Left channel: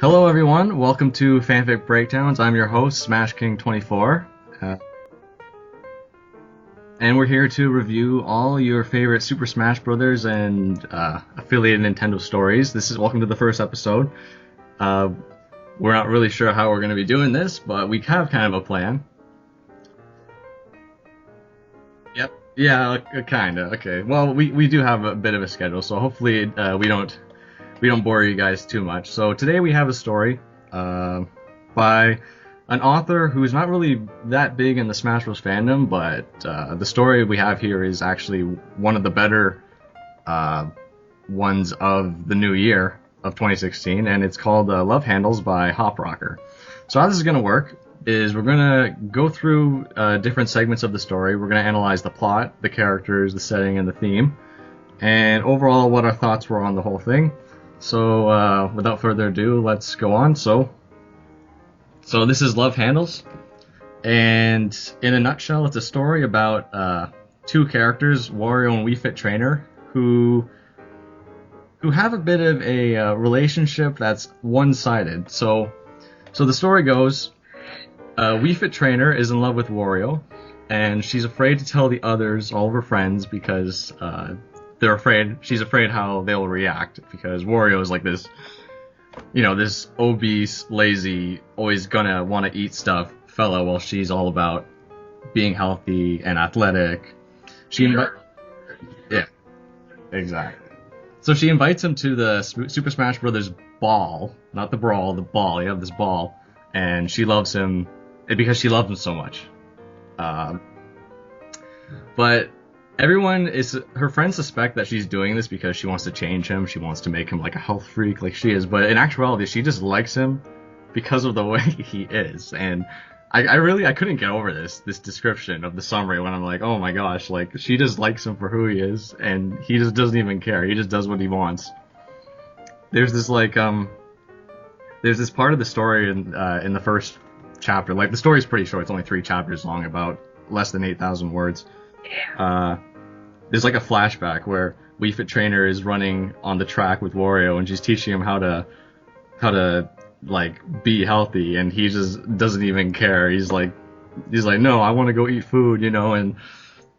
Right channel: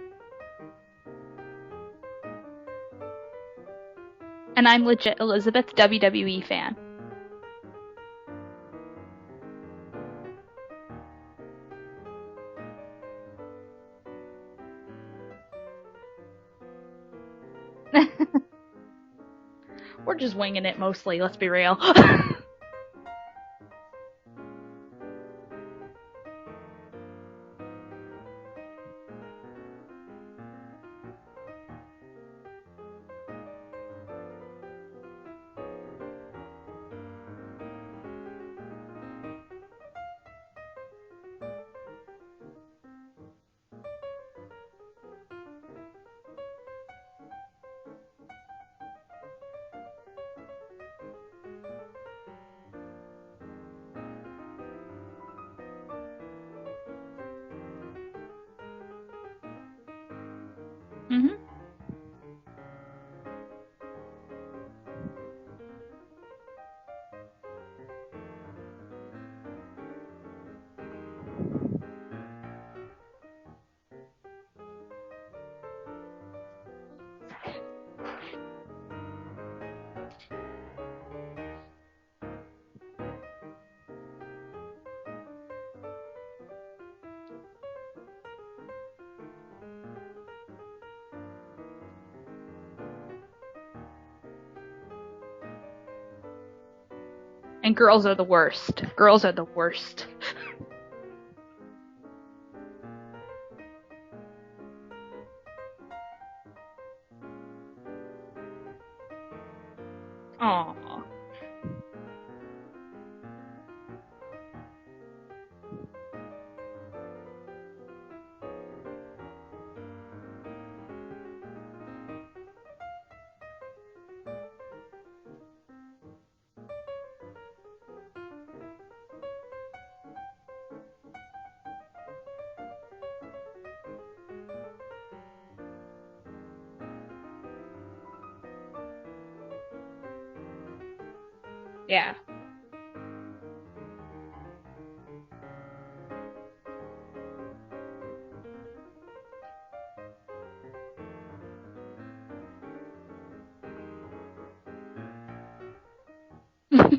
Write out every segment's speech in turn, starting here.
Hello everyone, welcome to FanFic Breakdowns. I'm your host, Smash King 24. And I'm legit Elizabeth WWEFan. And we're here to review all your favorite Super Smash Brothers and affiliated Nintendo stories. Welcome to the first episode. We're not really sure how we're going to be doing this, but we have kind of a plan. We're just winging it mostly, let's be real. Yeah, kind of. Okay. Well, we do have a bit of a schedule, so hopefully we don't bore you guys too much. So today we have a story by an author who's not really that big in the Smash Bros. Fandom, but the story we have here is actually one of the better ones of the new year of 2016, and it's called Love Handles by Hop Rocker. So how this is going to work is we're going to go through different segments of the story. We're going to analyze the plot, the characters, the setting, and the theme, and overall what our thoughts were on the whole thing. So without further ado, let's go on. So this is Love Handles, and in a nutshell, it's a story about two characters, Wario and WII Trainer, who have a bit of a relationship that's one-sided. So the story goes, WII Trainer is in love with Wario, and she's afraid to tell the others, all of her friends, because she's afraid how they'll react, because Wario is like this, this obese, lazy, always gonna want to eat stuff fellow, while she's all about being healthy and athletic. And girls are the worst. Girls are the worst. Exactly. So she invites him to the Super Smash Brothers ball, not the brawl, the ball. You have this ball, and she loves him because she loves him so much. But her friends suspect that she's doing this because she wants to change him. She wants to make him like a health freak like she is. But in actuality, she just likes him because of the way he is. And I couldn't get over this description of the summary when I'm like, oh my gosh, like she just likes him for who he is, and he just doesn't even care. He just does what he wants. There's this there's this part of the story in the first chapter. Like the story's pretty short. It's only 3 chapters long, about less than 8,000 words. Yeah. There's like a flashback where WII Trainer is running on the track with Wario, and she's teaching him how to like be healthy, and he just doesn't even care. He's like, no, I want to go eat food, and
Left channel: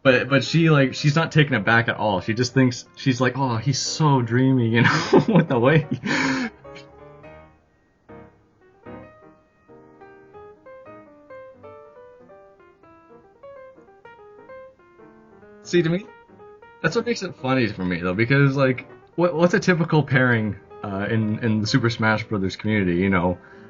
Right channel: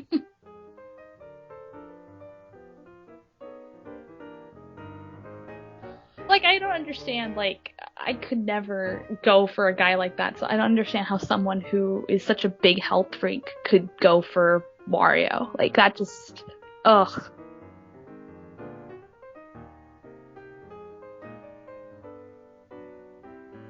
but she's not taken aback at all. She just thinks, she's like, oh, he's so dreamy, with the way like, I don't understand, like, I could never go for a guy like that, so I don't understand how someone who is such a big health freak could go for Wario. Like, that's what makes it funny for me, though, because like what's a typical pairing in the Super Smash Brothers community?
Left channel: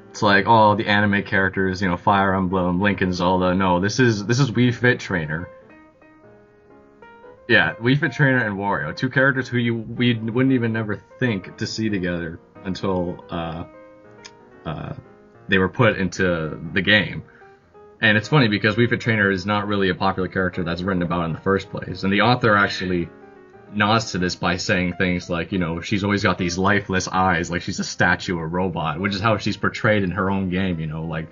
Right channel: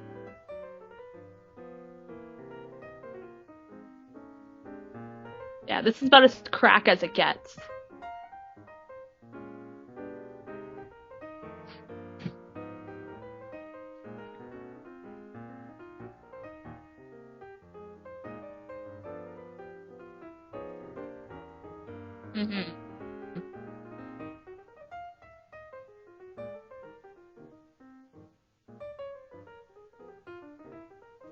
It's like, oh, the anime characters, Fire Emblem, Link and Zelda. No, this is WII Trainer. Yeah, this is about as crack as it gets. Yeah, WII Trainer and Wario, 2 characters who we wouldn't even never think to see together until they were put into the game. And it's funny because WII Trainer is not really a popular character that's written about in the first place, and the author actually nods to this by saying things like, she's always got these lifeless eyes, like she's a statue or robot, which is how she's portrayed in her own game, like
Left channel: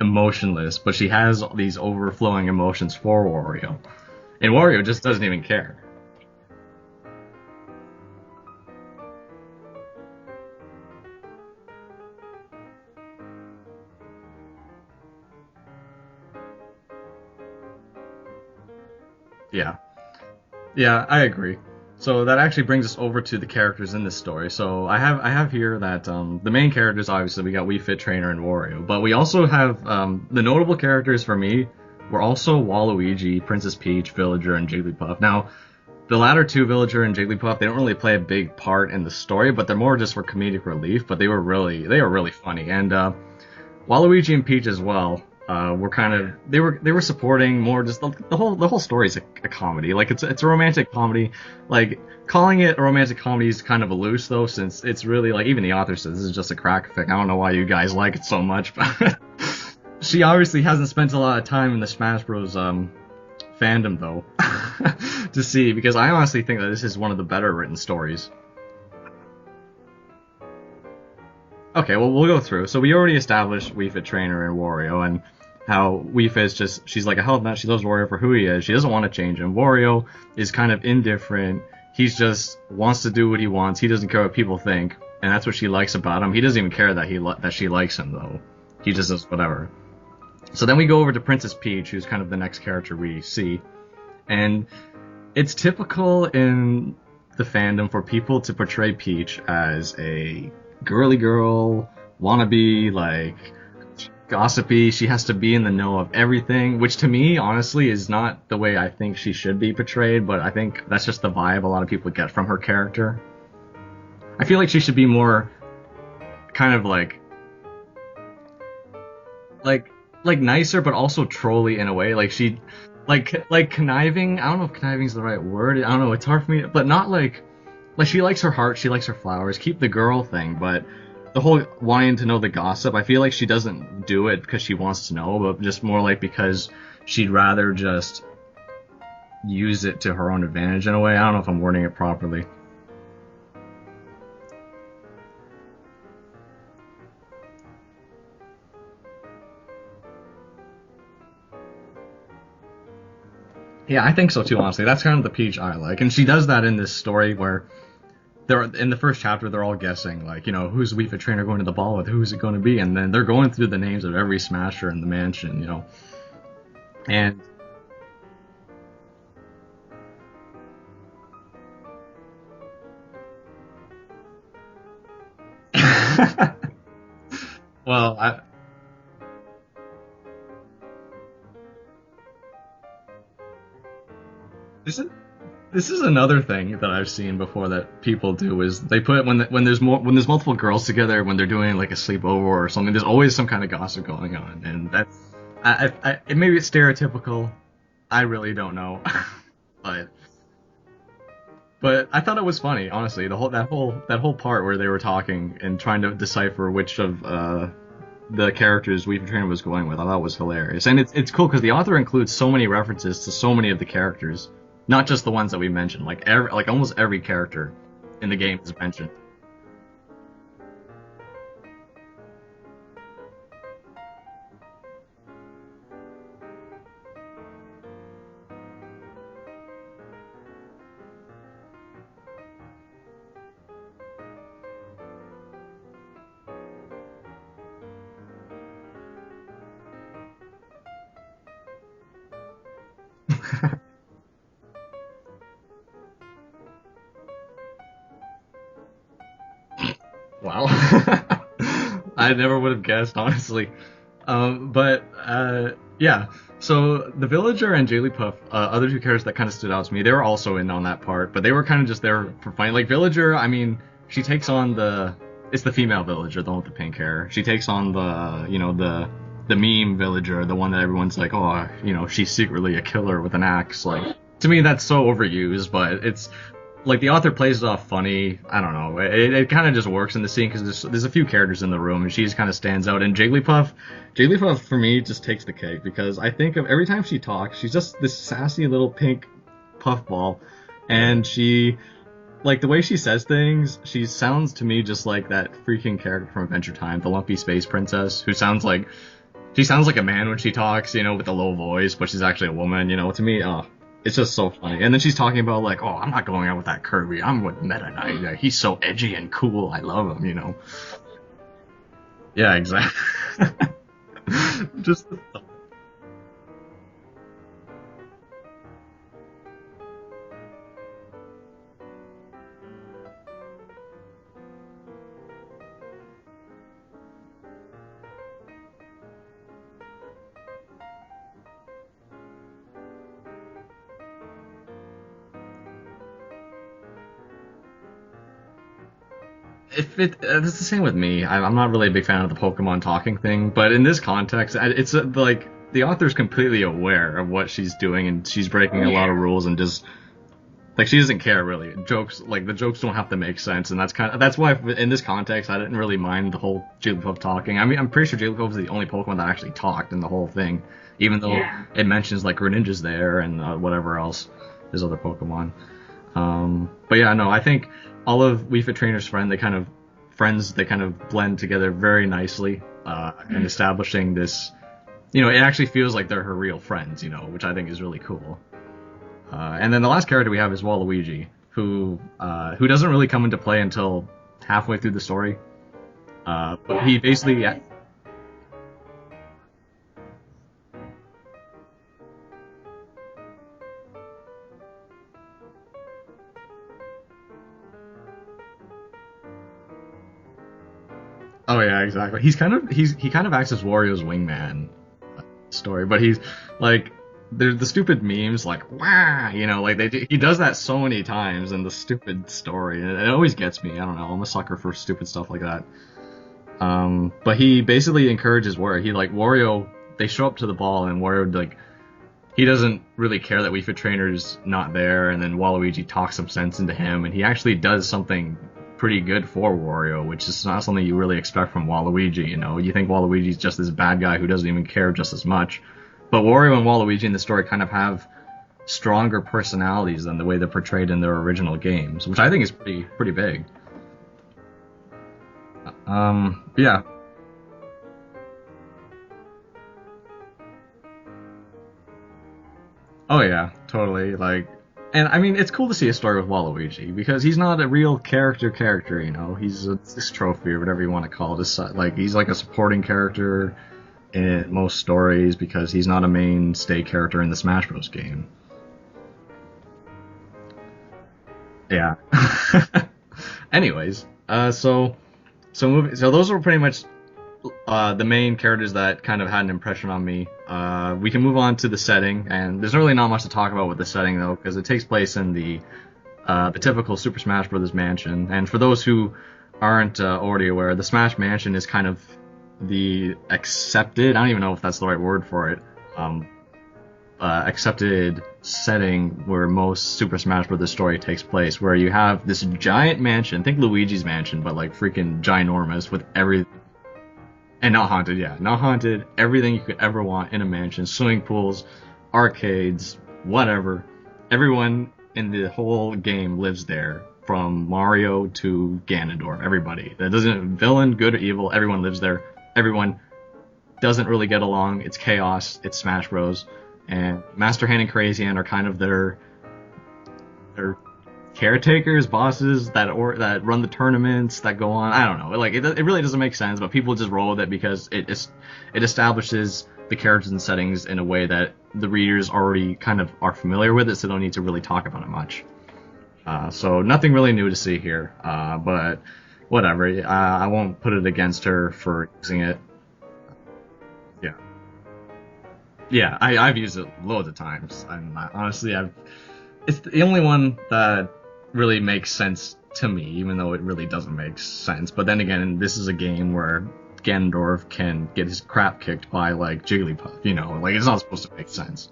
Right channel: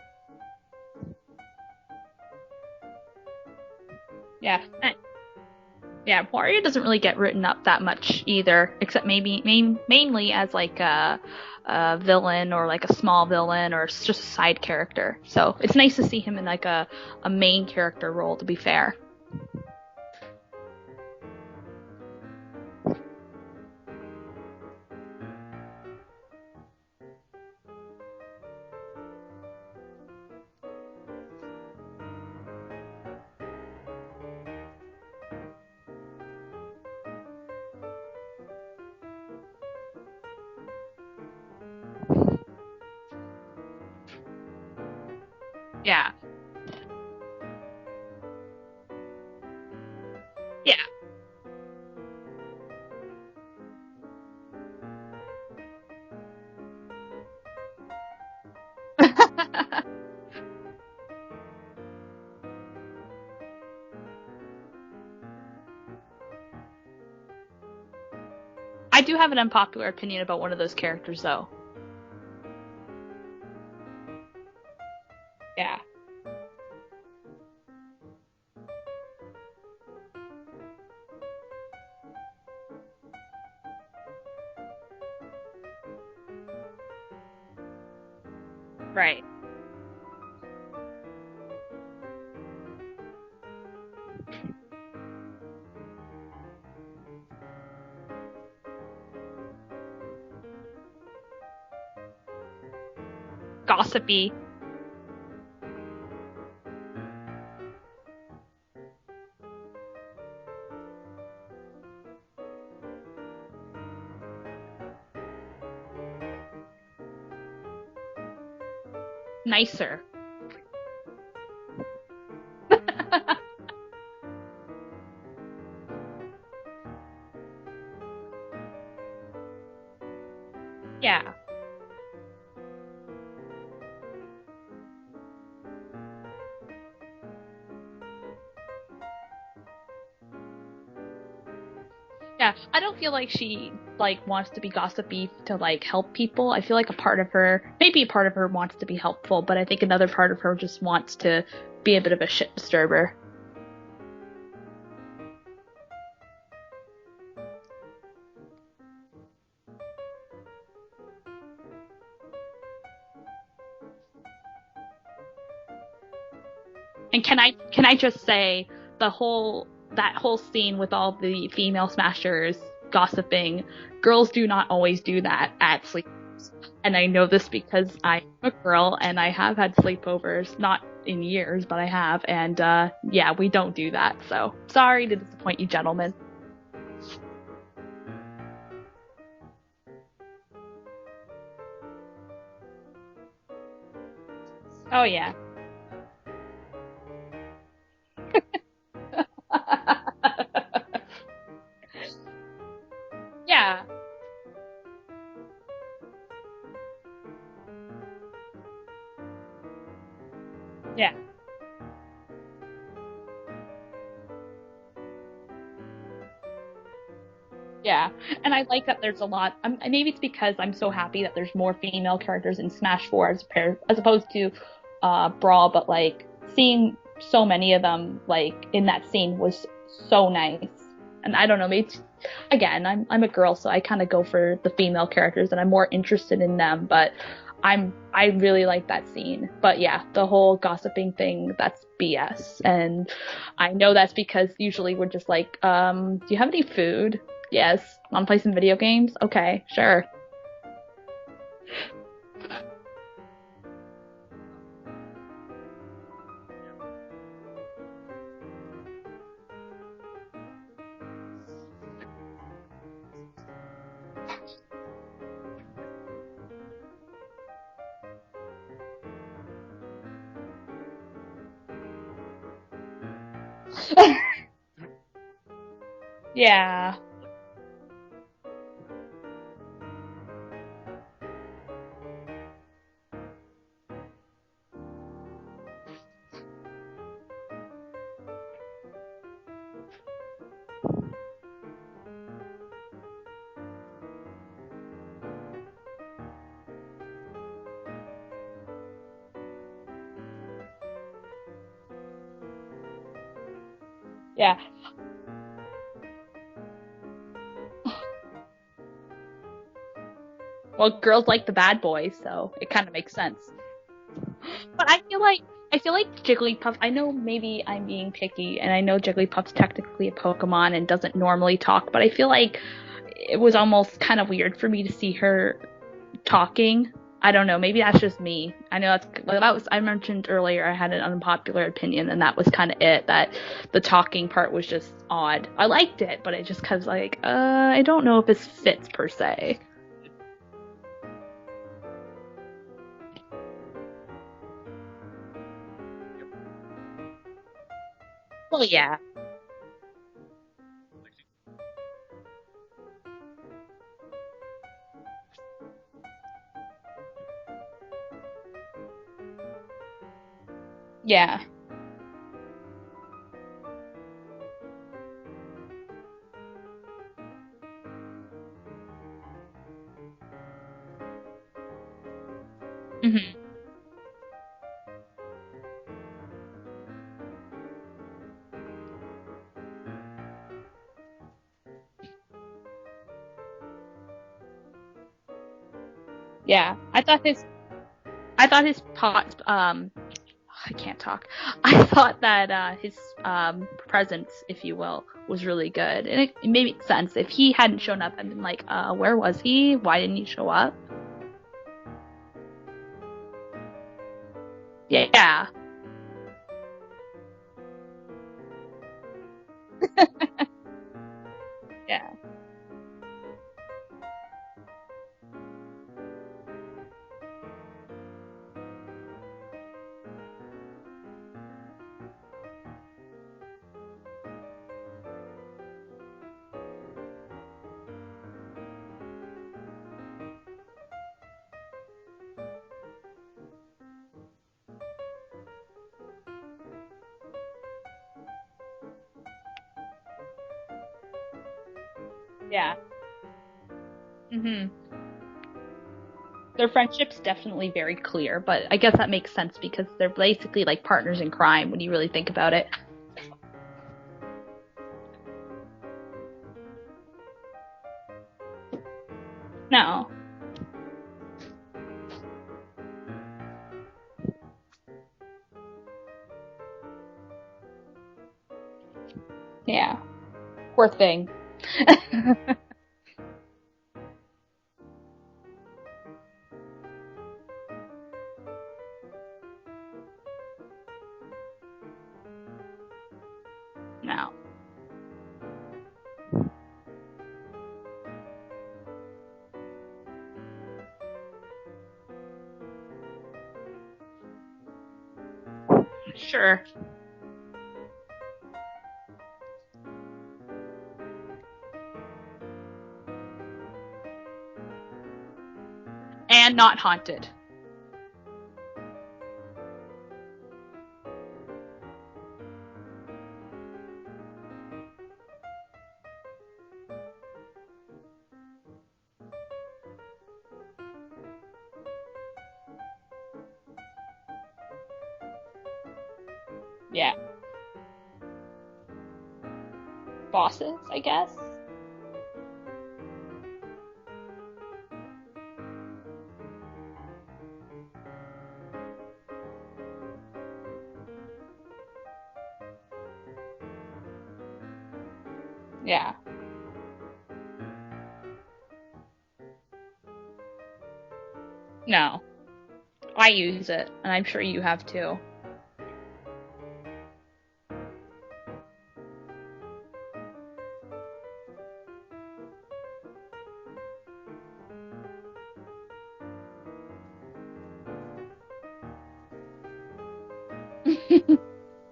emotionless, but she has these overflowing emotions for Wario. And yeah, Wario just doesn't even care. Yeah, Wario doesn't really get written up that much either, except mainly as like a villain, or like a small villain, or just a side character. So it's nice to see him in like a main character role, to be fair. Yeah, I agree. So that actually brings us over to the characters in this story. So I have here that the main characters, obviously we got WII Trainer and Wario, but we also have the notable characters for me were also Waluigi, Princess Peach, Villager, and Jigglypuff. Now, the latter 2, Villager and Jigglypuff, they don't really play a big part in the story, but they're more just for comedic relief. But they were really funny, and Waluigi and Peach as well. They were supporting more, just the whole story is a comedy. Like it's a romantic comedy. Like, calling it a romantic comedy is kind of a loose, though, since it's really, like, even the author says this is just a crack fic. I don't know why you guys like it so much, but she obviously hasn't spent a lot of time in the Smash Bros. Fandom, though, to see, because I honestly think that this is one of the better written stories. I do have an unpopular opinion about one of those characters, though. Okay, well, we'll go through. So we already established WII Trainer and Wario, and how WII is just, she's like a health nut. She loves Wario for who he is. She doesn't want to change him. Wario is kind of indifferent. He's just wants to do what he wants. He doesn't care what people think. and that's what she likes about him. He doesn't even care that that she likes him though. He just does whatever. So then we go over to Princess Peach, who's kind of the next character we see, and it's typical in the fandom for people to portray Peach as a girly girl, wannabe, like gossipy. She has to be in the know of everything, which to me honestly is not the way I think she should be portrayed, but I think that's just the vibe a lot of people get from her character. I feel like she should be more kind of like nicer. Like nicer, but also trolly in a way. Like she like conniving. I don't know if conniving is the right word. I don't know, it's hard for me, but not like she likes her heart, she likes her flowers, keep the girl thing, but the whole wanting to know the gossip, I feel like she doesn't do it because she wants to know, but just more like because she'd rather just use it to her own advantage in a way. I don't know if I'm wording it properly. Yeah, I don't feel like she like wants to be gossipy to like help people. I feel like maybe a part of her wants to be helpful, but I think another part of her just wants to be a bit of a shit disturber. Yeah, I think so too, honestly. That's kind of the Peach I like, and she does that in this story where in the first chapter they're all guessing, like, you know, who's the Wii Fit trainer going to the ball with, who's it going to be, and then they're going through the names of every Smasher in the mansion, you know. And can I just say that whole scene with all the female Smashers gossiping, girls do not always do that and I know this because I'm a girl and I have had sleepovers, not in years, but I have, and we don't do that, so sorry to disappoint you gentlemen. This is another thing that I've seen before that people do, is they put when there's multiple girls together, when they're doing like a sleepover or something, there's always some kind of gossip going on, and maybe it's stereotypical, I really don't know. But I thought it was funny, honestly. That whole part where they were talking and trying to decipher which of the characters Wii Fit Trainer was going with, I thought was hilarious. And it's cool because the author includes so many references to so many of the characters, not just the ones that we mentioned. Like almost every character. In the game. And I like that there's a lot. Maybe it's because I'm so happy that there's more female characters in Smash 4 as opposed to Brawl, but like seeing so many of them like in that scene was so nice. And I don't know, maybe again, I'm a girl, so I kind of go for the female characters and I'm more interested in them, but I really like that scene. But yeah, the whole gossiping thing, that's BS. And I know that's because usually we're just like, do you have any food? Yes. Want to play some video games? Okay, sure. Wow. I never would have guessed, honestly. Yeah. So the Villager and Jigglypuff, other two characters that kind of stood out to me, they were also in on that part, but they were kind of just there for fun. Like Villager, I mean, she takes on it's the female Villager, the one with the pink hair. She takes on the meme Villager, the one that everyone's like, oh, you know, she's secretly a killer with an axe. Like, to me, that's so overused, but it's like the author plays it off funny. I don't know. It kind of just works in the scene because there's a few characters in the room and she just kind of stands out. And Jigglypuff for me just takes the cake because I think of every time she talks, she's just this sassy little pink puffball, and she. Like, the way she says things, she sounds to me just like that freaking character from Adventure Time, the Lumpy Space Princess, who sounds like a man when she talks, you know, with a low voice, but she's actually a woman, you know. To me, it's just so funny. And then she's talking about, like, oh, I'm not going out with that Kirby, I'm with Meta Knight, he's so edgy and cool, I love him, you know. Well, girls like the bad boys, so yeah, exactly. It kind of makes sense. But I feel like Jigglypuff, I know maybe I'm being picky, and I know Jigglypuff's technically a Pokemon and doesn't normally talk, but I feel like it was almost kind of weird for me to see her talking. I don't know, maybe that's just me. I know I mentioned earlier I had an unpopular opinion, and that was kind of it, that the talking part was just odd. I liked it, but it just kind of like, I don't know if this fits per se. It's the same with me. I'm not really a big fan of the Pokemon talking thing, but in this context, it's like, the author's completely aware of what she's doing, and she's breaking a lot of rules, and just like she doesn't care really. The jokes don't have to make sense, and that's why in this context I didn't really mind the whole Jigglypuff talking. I mean, I'm pretty sure Jigglypuff is the only Pokemon that actually talked in the whole thing, even though it mentions like Greninja's there and whatever else, his other Pokemon. But yeah, no, I think all of Wii Fit Trainer's friends, they kind of blend together very nicely in establishing this. You know, it actually feels like they're her real friends, you know, which I think is really cool. And then the last character we have is Waluigi, who doesn't really come into play until halfway through the story. Yeah, He I thought basically, I thought his pot. I can't talk. I thought that his presence, if you will, was really good, and it made sense. If he hadn't shown up, I'd been like, where was he? Why didn't he show up? oh yeah, exactly. He kind of acts as Wario's wingman. Yeah. Story, but he's like, there's the stupid memes like, wah, you know, like he does that so many times in the stupid story, and it always gets me. I don't know. I'm a sucker for stupid stuff like that. But he basically encourages Wario. He like Wario. They show up to the ball, and Wario like he doesn't really care that Wii Fit Trainer's not there, and then Waluigi talks some sense into him, and he actually does something pretty good for Wario, which is not something you really expect from Waluigi. You know, you think Waluigi's just this bad guy who doesn't even care just as much, but Wario and Waluigi in the story kind of have stronger personalities than the way they're portrayed in their original games, which I think is pretty big. Mm-hmm. Their friendship's definitely very clear, but I guess that makes sense because they're basically like partners in crime when you really think about it. Oh yeah, totally. Like, and I mean, it's cool to see a story with Waluigi because he's not a real character, you know. He's this trophy or whatever you want to call it. Like, he's like a supporting character in most stories because he's not a mainstay character in the Smash Bros. Game. Yeah. Poor thing. Yeah. Anyways, so those were pretty much the main characters that kind of had an impression on me. We can move on to the setting, and there's really not much to talk about with the setting though, because it takes place in the typical Super Smash Bros. Mansion. And for those who aren't already aware, the Smash Mansion is kind of the accepted, I don't even know if that's the right word for it. Sure. Accepted setting where most Super Smash Bros. Story takes place, where you have this giant mansion, think Luigi's mansion, but like freaking ginormous with everything. And not haunted. And not haunted, yeah. Not haunted, everything you could ever want in a mansion, swimming pools, arcades, whatever. Everyone in the whole game lives there, from Mario to Ganondorf, everybody. That doesn't, villain, good or evil, everyone lives there. Everyone doesn't really get along, it's chaos, it's Smash Bros. And Master Hand and Crazy Hand are kind of their bosses, I guess. Caretakers, bosses that run the tournaments that go on. I don't know. Like it really doesn't make sense, but people just roll with it because it establishes the characters and settings in a way that the readers already kind of are familiar with it, so they don't need to really talk about it much. Yeah. So nothing really new to see here. But whatever. I won't put it against her for using it. I use it, and I'm sure you have too. Yeah, I've used it loads of times. Honestly, it's the only one that really makes sense to me, even though it really doesn't make sense. But then again, this is a game where Ganondorf can get his crap kicked by, like, Jigglypuff, you know? Like, it's not supposed to make sense.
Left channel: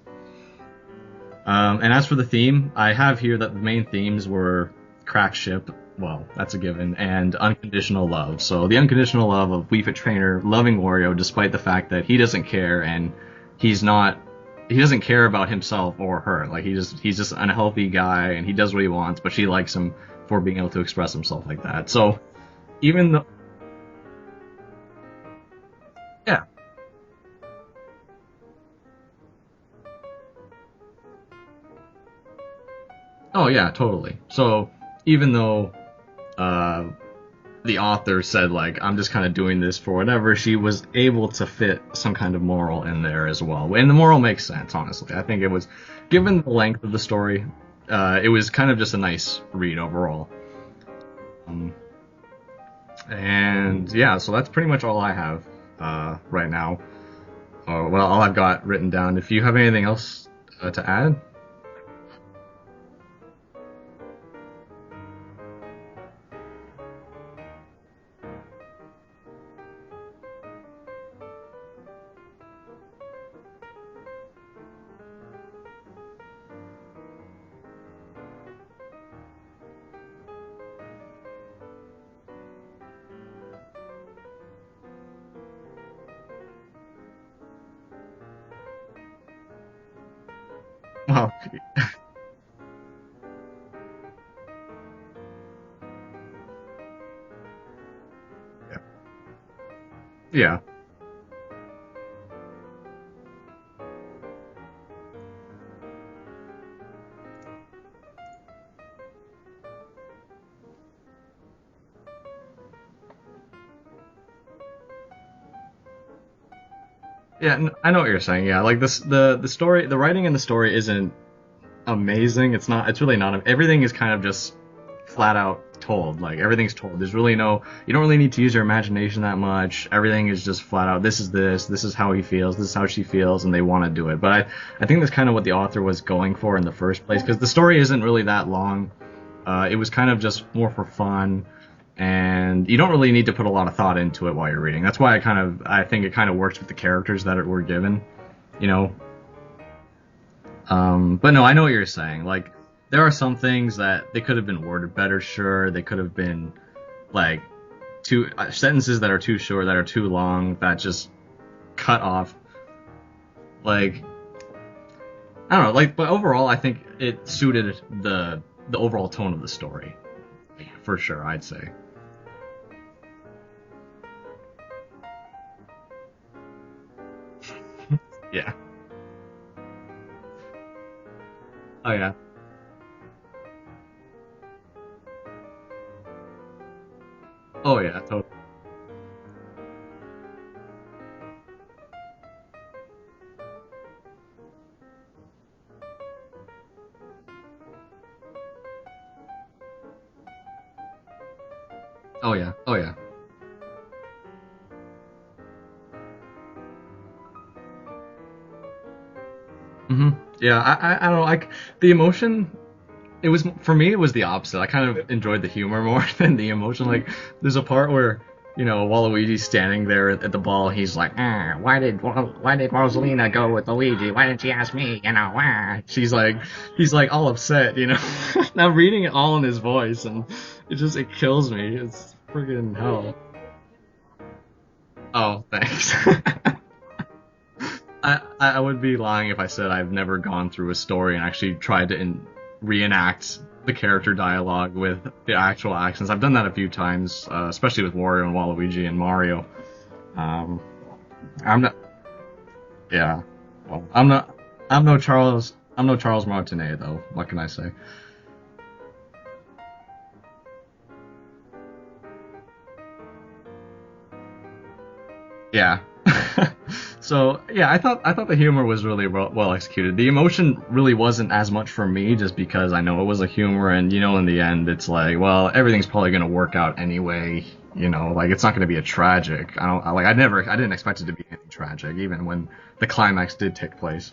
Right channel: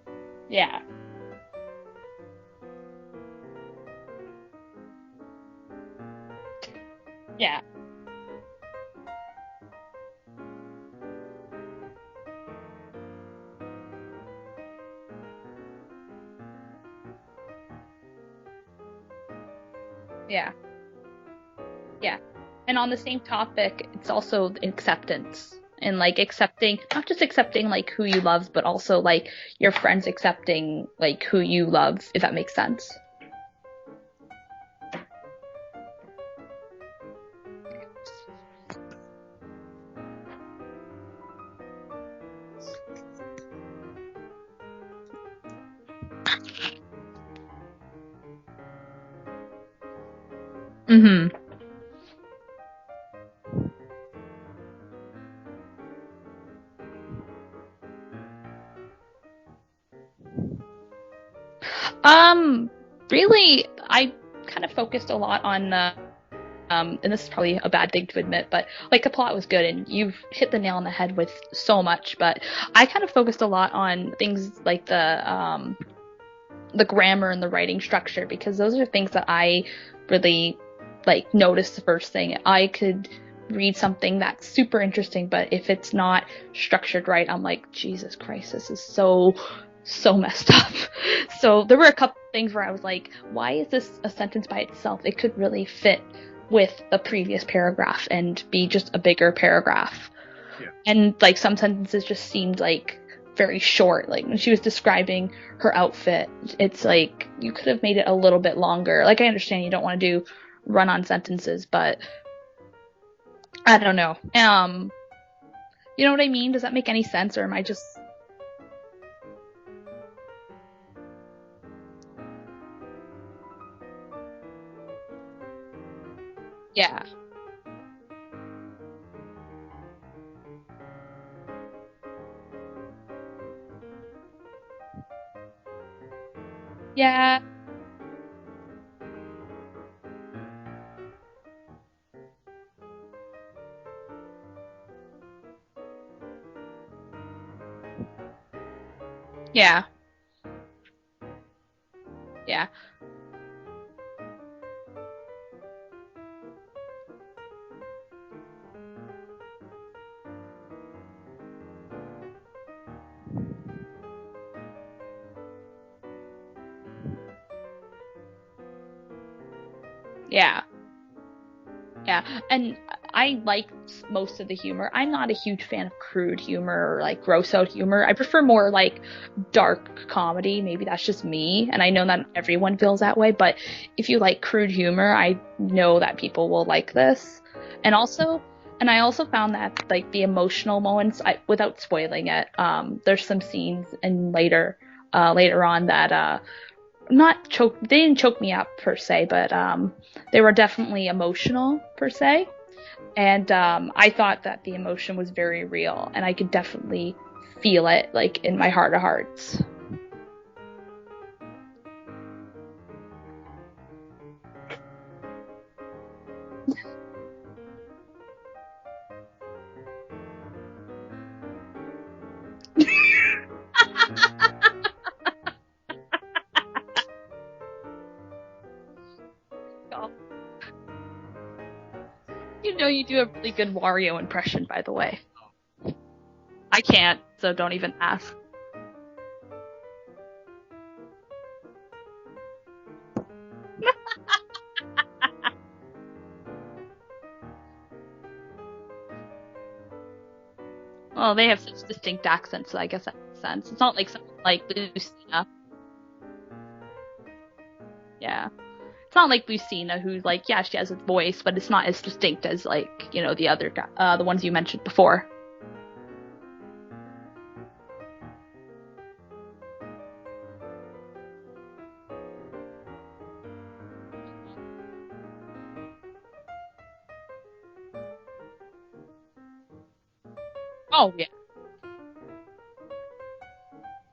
Yeah. And as for the theme, I have here that the main themes were Crack Ship, well, that's a given, and unconditional love. So the unconditional love of Wii Fit Trainer loving Wario despite the fact that he doesn't care and he doesn't care about himself or her. Like, he's just an unhealthy guy and he does what he wants, but she likes him for being able to express himself like that. So and on the same topic, it's also acceptance and like accepting, not just accepting like who you love, but also like your friends accepting like who you love, if that makes sense. Oh yeah, totally. So even though the author said, like, I'm just kind of doing this for whatever, she was able to fit some kind of moral in there as well. And the moral makes sense, honestly. I think it was, given the length of the story, it was kind of just a nice read overall. Mm-hmm. And yeah, so that's pretty much all I have right now. Well, all I've got written down. If you have anything else to add? Really, I kind of focused a lot on and this is probably a bad thing to admit, but like the plot was good and you've hit the nail on the head with so much, but I kind of focused a lot on things like the grammar and the writing structure, because those are things that I really like noticed the first thing. I could read something that's super interesting, but if it's not structured right, I'm like, Jesus Christ, this is so messed up. Wow. So there were a couple things where I was like, why is this a sentence by itself? It could really fit with the previous paragraph and be just a bigger paragraph. Yeah. And like some sentences just seemed like very short. Like when she was describing her outfit, it's like you could have made it a little bit longer. Like I understand you don't want to do run-on sentences, but I don't know. You know what I mean? Does that make any sense? Or am Yeah, I just... I know what you're saying. Yeah, like this, the story, the writing in the story isn't amazing. It's not. It's really not. Everything is kind of just flat out told. Like everything's told. Yeah. There's really no. You don't really need to use your imagination that much. Everything is just flat out. This is this. This is how he feels. This is how she feels, and they want to do it. But I think that's kind of what the author was going for in the first place, because the story isn't really that long. It was kind of just more for fun, and you don't really need to put a lot of thought into it while you're reading. That's why I think it kind of works with the characters that were given, you know. Yeah. But no, I know what you're saying. Like, Yeah. there are some things that they could have been worded better. Sure, they could have been like two sentences that are too short, that are too long, that just cut off. Like, I don't know. Like, but overall, I think it suited the overall tone of the story. Yeah. For sure, I'd say. Yeah, and I liked most of the humor. I'm not a huge fan of crude humor or like gross out humor. I prefer more like dark comedy. Maybe that's just me, and I know that everyone feels that way. But if you like crude humor, I know that people will like this. Oh yeah. And I also found that like the emotional moments, without spoiling it, there's some scenes and later on that they didn't choke me up per se, but they were definitely emotional per se. Oh yeah. And I thought that the emotion was very real, and I could definitely feel it like in my heart of hearts. Yeah, I don't know. Like the emotion, it was, for me, it was the opposite. I kind of enjoyed the humor more than the emotion. Like there's a part where, you know, Waluigi's standing there at the ball. He's like, why did Rosalina go with Luigi? Why didn't she ask me? You know, why? He's like all upset, you know. I'm reading it all in his voice, and it kills me. It's friggin'. You know, you do a really good Wario impression, by the way. Oh, thanks. I can't, so don't even ask. I would be lying if I said I've never gone through a story and actually tried to reenact the character dialogue with the actual accents. I've done that a few times, especially with Wario and Waluigi and Mario. Well, they have such distinct accents, so I guess that makes sense. Well, it's not I'm no Charles Martinet though. What can I say? Yeah. It's not like Lucina, who's like, yeah, she has a voice, but it's not as distinct as like, you know, the other the ones you mentioned before. Yeah. So yeah, I thought the humor was really well executed. The emotion really wasn't as much for me, just because I know it was a humor, and you know, in the end, it's like, well, everything's probably gonna work out anyway. You know, like it's not gonna be a tragic. I didn't expect it to be anything tragic, even when the climax did take place.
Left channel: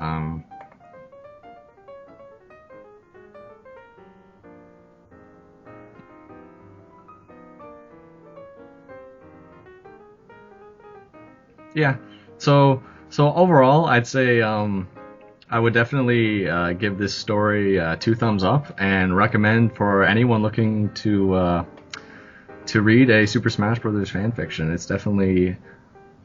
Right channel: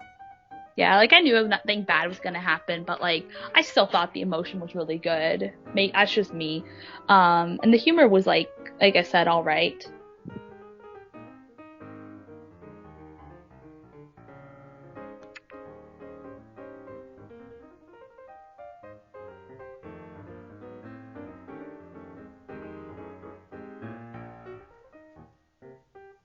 Yeah, like I knew nothing bad was gonna happen, but like I still thought the emotion was really good. That's just me. And the humor was like I said, all right. Yeah. So overall, I'd say I would definitely give this story 2 thumbs up, and recommend for anyone looking to read a Super Smash Bros. Fan fiction. It's definitely,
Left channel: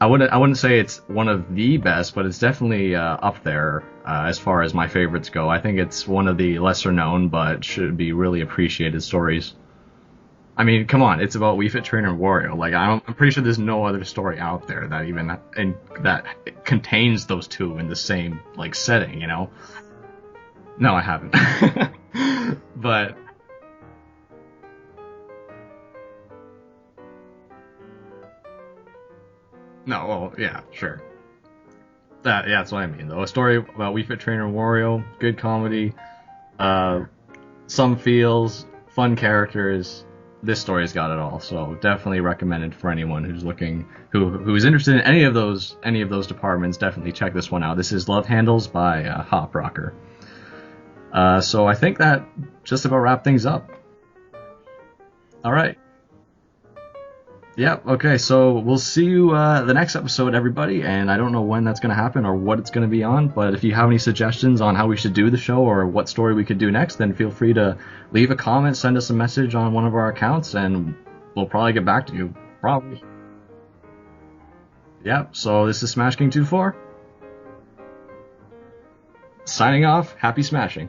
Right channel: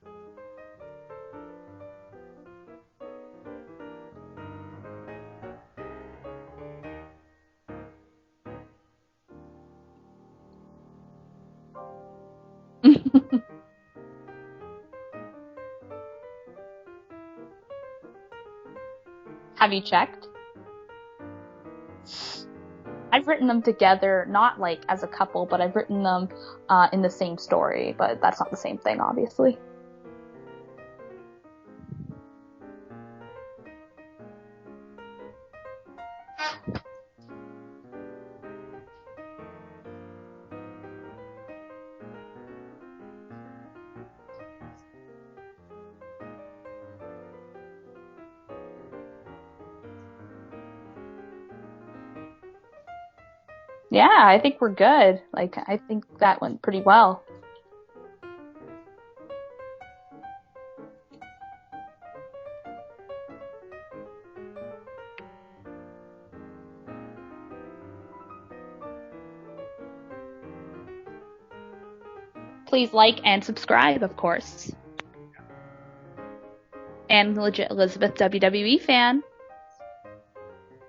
I wouldn't say it's one of the best, but it's definitely up there as far as my favorites go. I think it's one of the lesser known but should be really appreciated stories. I mean, come on, it's about Wii Fit Trainer and Wario. Like, I'm pretty sure there's no other story out there that contains those two in the same like setting, you know? Have you checked? No, I haven't. But I've written them together, not like as a couple, but I've written them in the same story. But that's not the same thing, obviously. No, well, yeah, sure. That's what I mean, though. A story about Wii Fit Trainer and Wario, good comedy, some feels, fun characters. This story's got it all, so definitely recommended for anyone who's looking, who's interested in any of those departments. Definitely check this one out. This is Love Handles by Hop Rocker. So I think that just about wrapped things up. Yeah, I think we're good. All right. I think that went pretty well. Yep. Okay. So we'll see you the next episode, everybody. And I don't know when that's going to happen or what it's going to be on. But if you have any suggestions on how we should do the show or what story we could do next, then feel free to leave a comment, send us a message on one of our accounts, and we'll probably get back to you. Please like and subscribe, of course. Yep. So this is Smash King 24 and legit ElizabethWWEFan signing off. Happy smashing.